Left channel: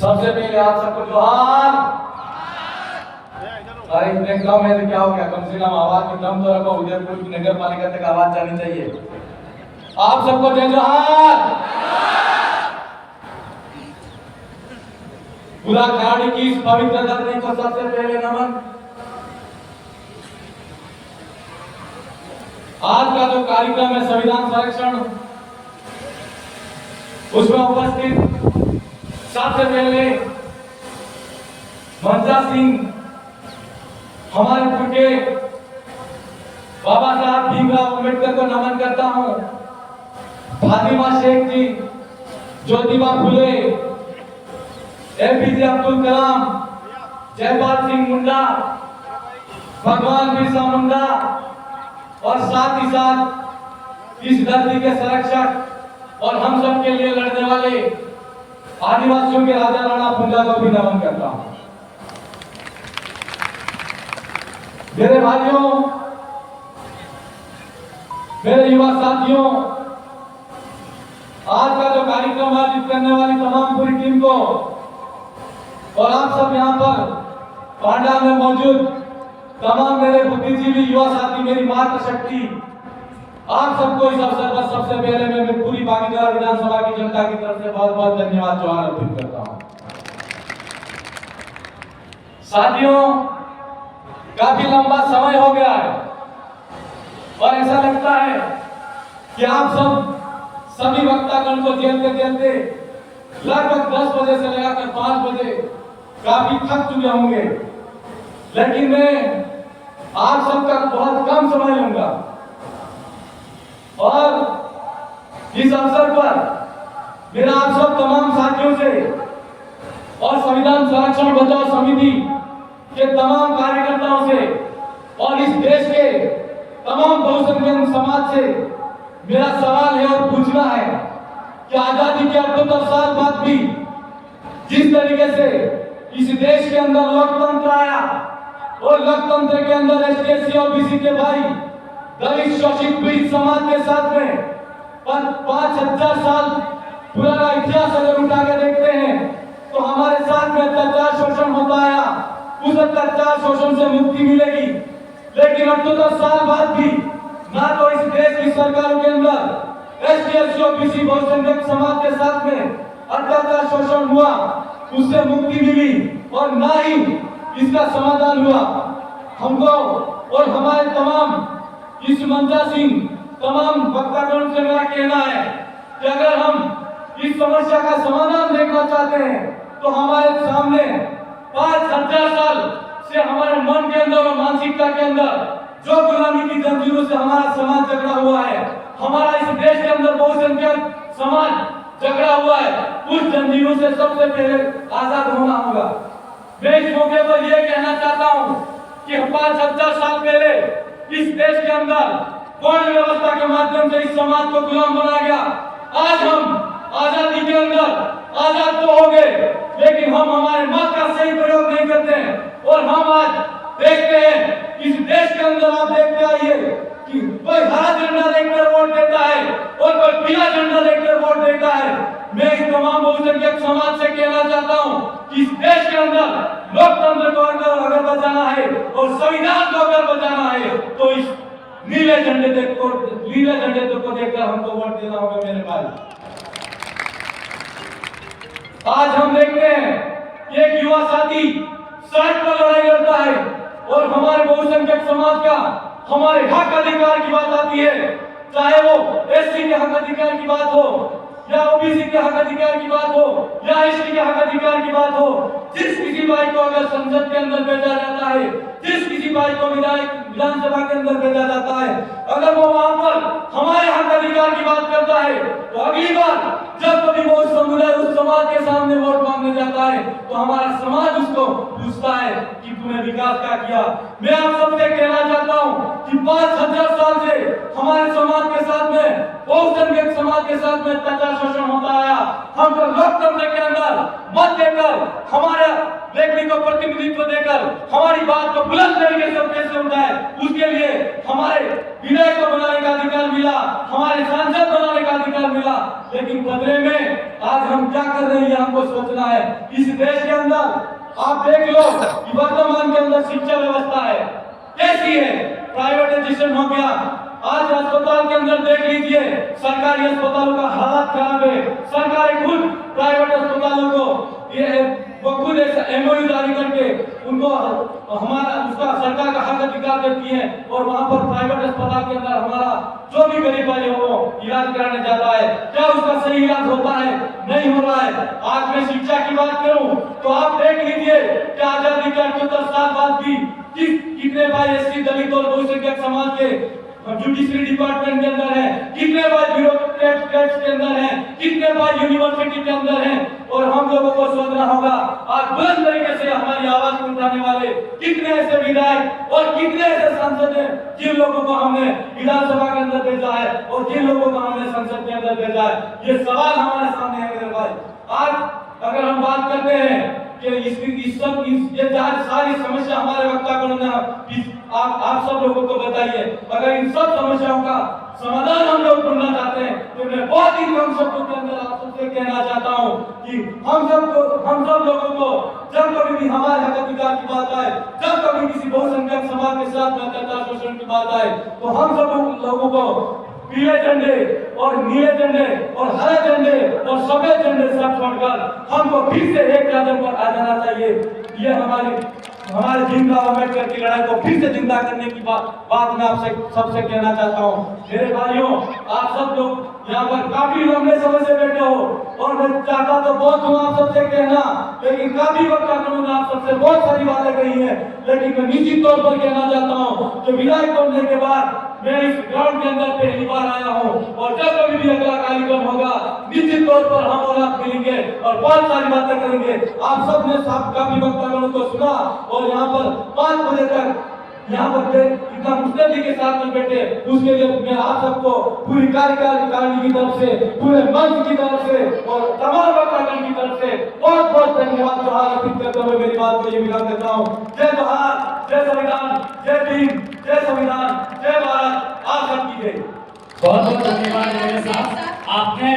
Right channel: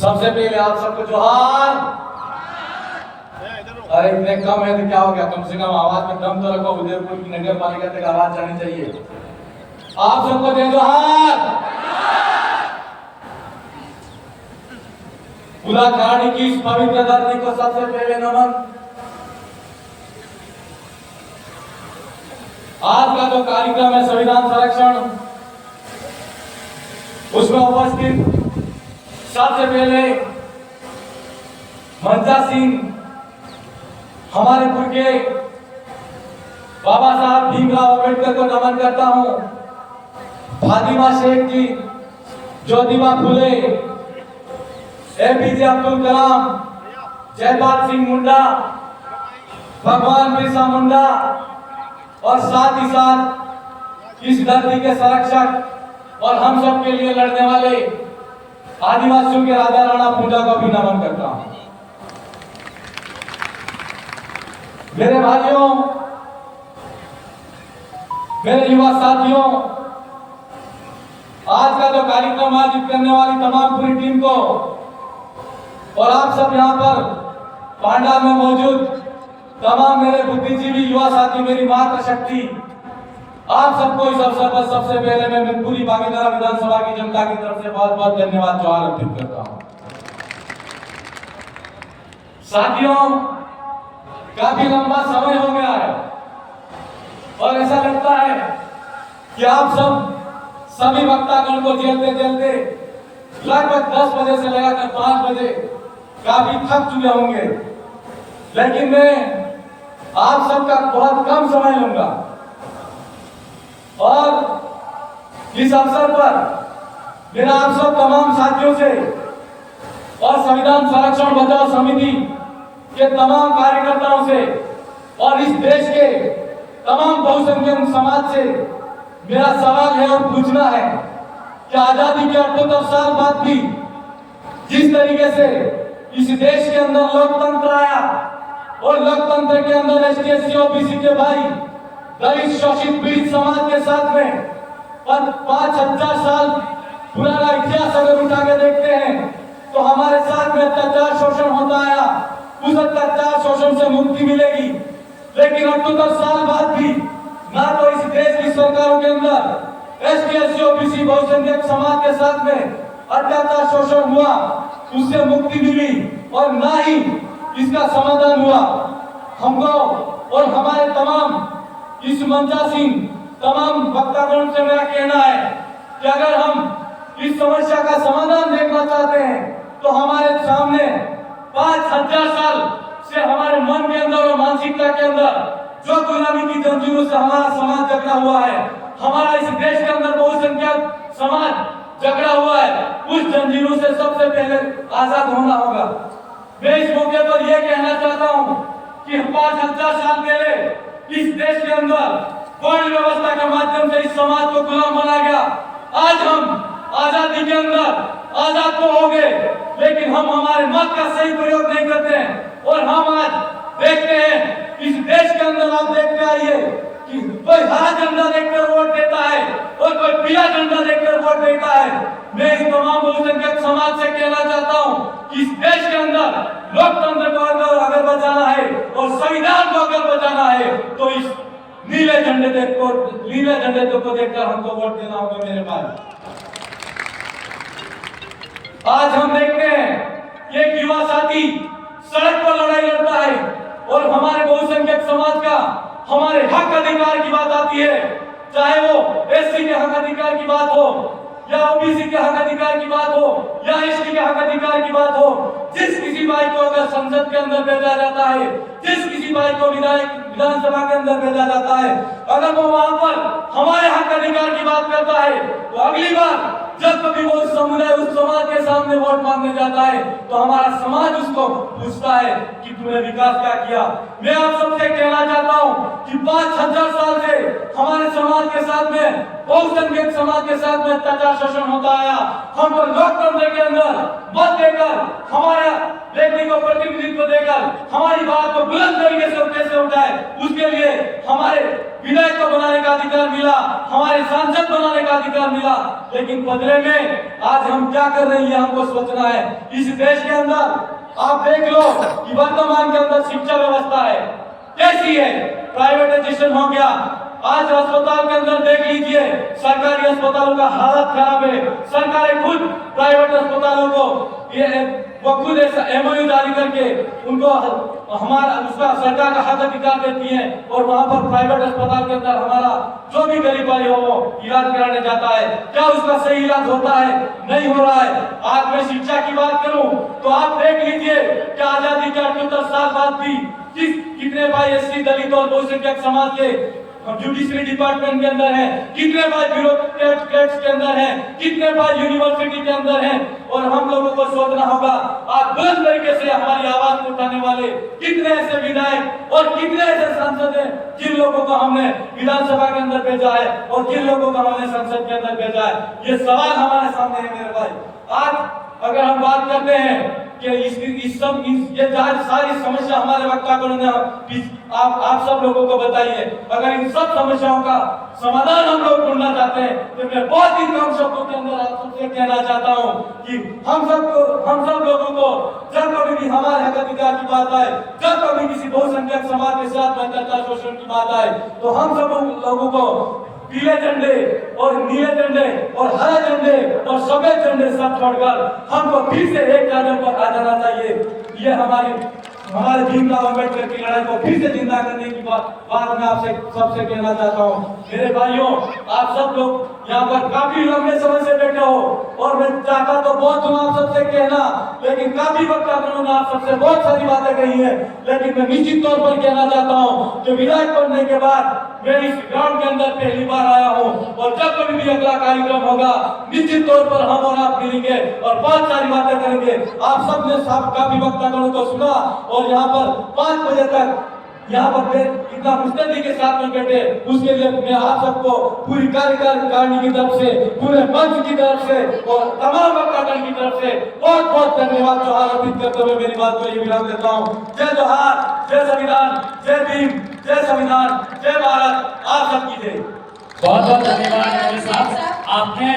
सबसे पहले आप सबको जोहार। अरे इतने कम है तो क्या हो गया, कम से कम आवाज में दम तो रखो। उदयपुर की नगर पालिका तक आवाज जानी चाहिए। आप सबको जय जोहार। पूरा खिलाड़ी की इस पवित्र धरती को सबसे पहले नमन। आज का जो कार्यक्रम है संविधान संरक्षण, उसमें उपस्थित सबसे पहले मंजा सिंह, हमारे पुरखे बाबा साहब भीमराव अम्बेडकर को नमन करता हूं। फातिमा शेख जी, ज्योतिबा फुले, एपीजे अब्दुल कलाम, जयपाल सिंह मुंडा, भगवान बिरसा मुंडा और साथ ही साथ इस धरती के संरक्षक और हम सब के लिए लड़ने वाले आदिवासियों के राजा राणा पूंजा को भी नमन करता हूं। मेरे भाइयों, मेरे युवा साथियों, आज का जो कार्यक्रम आयोजित करने वाली तमाम पूरी टीम को और आप सब यहाँ पर पांडा में मौजूद तमाम मेरे बुद्धिजीवी युवा साथी, मेरी मातृ शक्ति, आप सबको इस अवसर पर सबसे पहले मैं पूरी बागीधारा विधानसभा की जनता की तरफ से बहुत बहुत धन्यवाद जोहार अर्पित करता हूं। साथियों, काफी लंबा समय हो गया है और ऐसा लगता है कि आप सभी वक्तागण को झेलते झेलते लगभग 10 बजे से लगाकर 5 बजे काफी थक चुके होंगे, लेकिन मैं आप सबका बहुत कम समय लूंगा और इस अवसर पर मेरा आप सब तमाम साथियों से और संविधान संरक्षण बचाओ समिति के तमाम कार्यकर्ताओं से और इस देश के तमाम बहुसंख्यक समाज से मेरा सवाल है और पूछना है कि आजादी के 78 साल बाद भी जिस तरीके से इस देश के अंदर लोकतंत्र आया और लोकतंत्र के अंदर एसटी एससी ओबीसी के भाई दलित शोषित पीड़ित समाज के साथ में 5,000 साल पुराना इतिहास अगर उठा के देखते हैं तो हमारे साथ में अत्याचार शोषण होता आया। उस अत्याचार शोषण से मुक्ति मिलेगी, लेकिन 78 साल बाद भी ना तो इस देश की सरकारों के अंदर एसटी एससी ओबीसी बहुसंख्यक समाज के साथ में अत्याचार शोषण हुआ, उससे मुक्ति मिली और ना ही इसका समाधान हुआ। हमको और हमारे तमाम इस मंजा सिंह तमाम वक्तागण से मेरा कहना है कि अगर हम इस समस्या का समाधान देखना चाहते हैं तो हमारे सामने 5,000 साल से हमारे मन के अंदर और मानसिकता के अंदर जो गुलामी की जंजीरों से हमारा समाज जकड़ा हुआ है, हमारा इस देश के अंदर बहुसंख्यक समाज जकड़ा हुआ है, उस जंजीरों से सबसे पहले आजाद होना होगा। मैं इस मौके पर यह कहना चाहता हूं कि 5,000 साल पहले इस देश के अंदर कौन व्यवस्था के माध्यम से इस समाज को गुलाम बना गया। आज हम आजादी के अंदर आजाद तो हो गए, लेकिन हम हमारे मत का सही प्रयोग नहीं करते हैं और हम आज देखते हैं इस देश के अंदर आप देखते आइए कि कोई हरा झंडा देखकर वोट देता है और कोई पीला झंडा देखकर वोट देता है। मैं इस तमाम बहुसंख्यक समाज से कहना चाहता हूं कि इस देश के अंदर लोकतंत्र को अगर बचाना है और संविधान को अगर बचाना है तो इस नीले झंडे को देखकर हमको वोट देना होगा मेरे भाई। आज हम देखते हैं एक युवा साथी सड़क पर लड़ाई लड़ता है और हमारे बहुसंख्यक समाज का हमारे हक अधिकार की बात आती है, चाहे वो एससी के हक अधिकार की बात हो या ओबीसी के हक अधिकार की बात हो या एसटी के हक अधिकार की बात हो। जिस किसी भाई को अगर संसद के अंदर भेजा जाता है, जिस किसी भाई को विधानसभा के अंदर भेजा जाता है, अगर वो वहां पर हमारे हक अधिकार की बात करता है तो अगली बार जब कभी वो समुदाय उस समाज के सामने वोट मांगने जाता है तो हमारा समाज उसको पूछता है कि तूने विकास क्या किया। मैं आप सबसे कहना चाहता हूं कि 5,000 साल से हमारे समाज के साथ में बहुसंख्यक समाज के साथ में अत्याचार शोषण होता आया। हमको लोकतंत्र के अंदर मत देकर, हमारे व्यक्ति को प्रतिनिधित्व देकर हमारी बात को बुलंद तरीके से कैसे उठाए, उसके लिए हमारे विधायक को बनाने का अधिकार मिला, हमारे सांसद बनाने का अधिकार मिला, लेकिन बदले में आज हम क्या कर रही है हमको सोचना है। इस देश के अंदर आप देख लो कि वर्तमान के अंदर शिक्षा व्यवस्था है कैसी है, प्राइवेटाइजेशन हो गया। आज अस्पताल के अंदर देख लीजिए, सरकारी अस्पतालों का हालत खराब है। सरकारें खुद प्राइवेट अस्पतालों को ये खुद ऐसा एमओयू जारी करके उनको हमारा उसका सरकार का हक अधिकार देती है, और वहां पर प्राइवेट अस्पताल के अंदर हमारा जो भी गरीब वाले हो इलाज कराने जाता है, क्या उसका सही इलाज होता है? नहीं हो रहा है। आज मैं शिक्षा की बात करूं तो आप देख लीजिए कि आजादी के 78 साल बाद भी कितने भाई एससी, दलित और बहुसंख्यक समाज के जुडिशरी डिपार्टमेंट के अंदर है, कितने भाई ब्यूरोक्रेट्स के अंदर है, कितने भाई यूनिवर्सिटी के अंदर है। और हम लोगों को सोचना होगा आज बुलंद तरीके से हमारी आवाज उठाने वाले कितने ऐसे विधायक और कितने ऐसे सांसद हैं जिन लोगों को हमने विधानसभा के अंदर भेजा है और जिन लोगों को हमने संसद के अंदर भेजा है। ये सवाल हमारे सामने है मेरे भाई। आज अगर हम बात करते हैं कि ये सारी समस्या हमारे वक्ता को आप सब लोगों को बताइए, अगर इन सब समस्याओं का समाधान हम लोग ढूंढना चाहते हैं तो मैं बहुत ही कम शब्दों के अंदर आप सबसे कहना चाहता हूं कि हम सब लोगों को जब कभी भी हमारे हक अधिकार की बात आए, जब कभी किसी बहुसंख्यक समाज के साथ अत्याचार शोषण की बात आए, तो हम सब लोगों को पीले झंडे और नीले झंडे और हरे झंडे और सफेद झंडे सब छोड़कर हमको फिर से एक कदम पर आ जाना चाहिए। ये हमारे भीमराव अम्बेडकर की लड़ाई को फिर से जिंदा करने की बात मैं आपसे सबसे कहना चाहता हूँ। मेरे भाइयों, आप सब लोग यहाँ पर काफी लंबे समय से बैठे हो और मैं चाहता तो बहुत हूँ आप सबसे कहना, लेकिन काफी वक्त उन्होंने आप सबसे बहुत सारी बातें कही है, लेकिन मैं निश्चित तौर पर कहना चाहता हूँ कि विधायक बनने के बाद मैं इस ग्राउंड के अंदर पहली बार आया हूँ, और जब कभी भी अगला कार्यक्रम होगा निश्चित तौर पर हम और आप मिलेंगे और बहुत सारी बातें करेंगे। आप सब ने काफी वक्ताओं को सुना और यहाँ पर 5 बजे तक यहाँ पर इतना मुस्तैदी के साथ में बैठे, उसके लिए मैं आप सबको पूरी कार्यकारिणी की तरफ से, पूरे मंच की तरफ से और तमाम वक्तागण की तरफ से बहुत बहुत धन्यवाद जोहार अर्पित करते हुए मेरी बात को ये विराम देता हूँ। जय जोहार, जय संविधान, जय भीम, जय संविधान, जय भारत, आप सबकी जय। बहुत बहुत धन्यवाद। आपने